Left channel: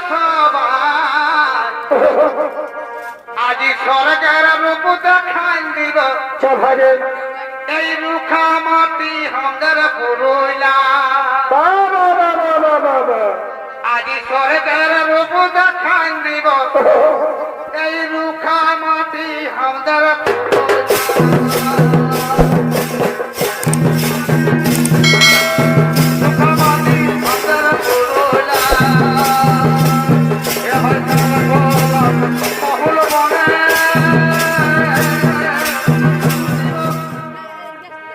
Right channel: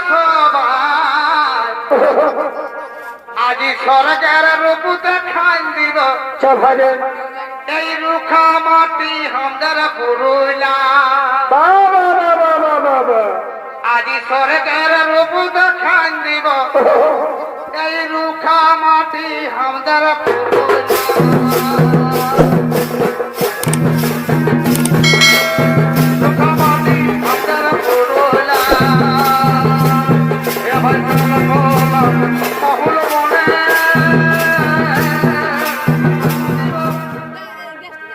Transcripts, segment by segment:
সবাই আজি স্বর্গের রূপ দেখাই দিব। এই রুখা মাটি বাবা বাবা আজি স্বর্গের রূপ দেখাই দিব। এই রুখা মাটি আমাদের রুখা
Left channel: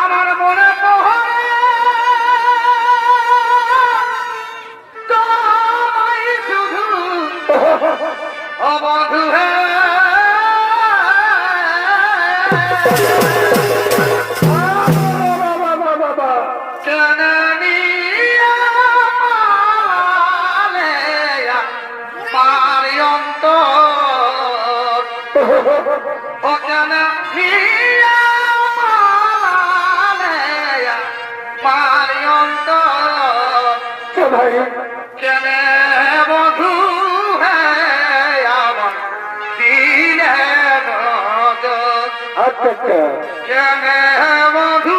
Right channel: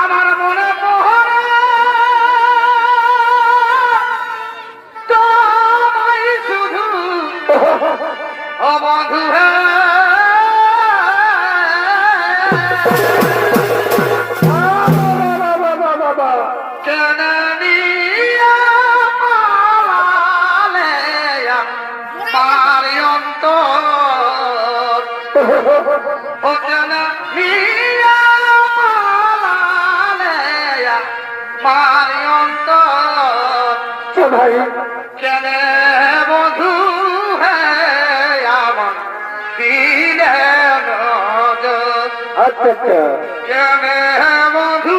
আমার মনে মোহরে শুধু অবধু। পালালে পারিয়ন্ত ও কেননিয়া ভাই। চলে বধু আমার দিলে আচ্ছা আচ্ছা। চলে বধু